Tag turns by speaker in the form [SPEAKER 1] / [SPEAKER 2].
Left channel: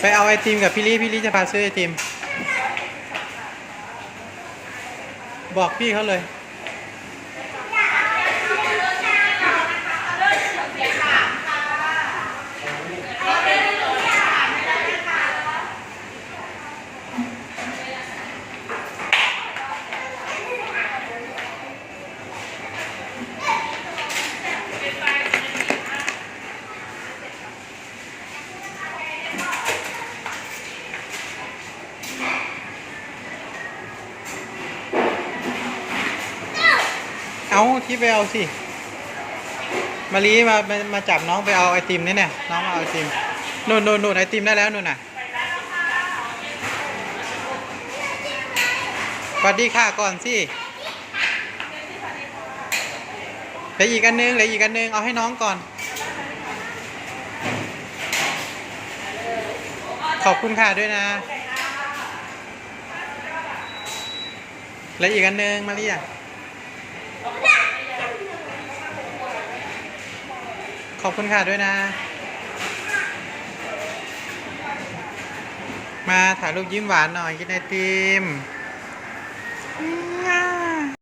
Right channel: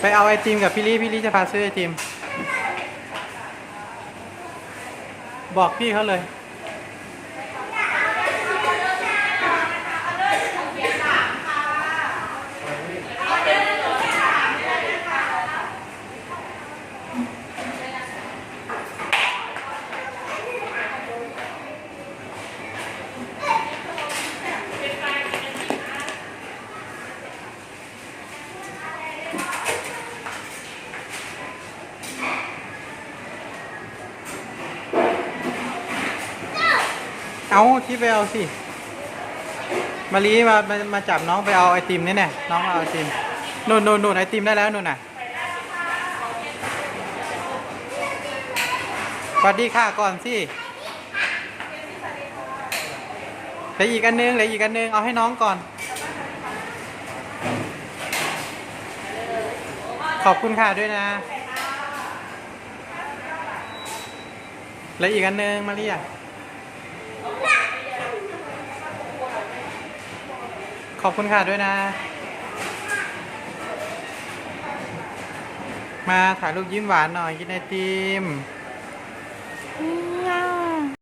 [SPEAKER 1] ไปเอาไอติมกับพี่ลี่พี่ลี่จะพาซื้อไอติม บอกพี่เขาเลย เอาที่ไปเอาสิมาลีมามามาจับน้องไปเอาไอติมนี่เนี่ยน้องเอาไอติมนู่นนู่นนู่นไอติมได้แล้วนู่นน่ะสวัสดีค่ะก่อนสิเหลืออีกอันนึงเหลืออีกอันนึงเอาให้น้องก่อน ขอบคุณค่ะด้วยนะเหลืออีกอันนึงมาลีอะ ขอบคุณค่ะด้วยนะ มาถ่ายรูปยิ้มหวานหน่อยกินไอติม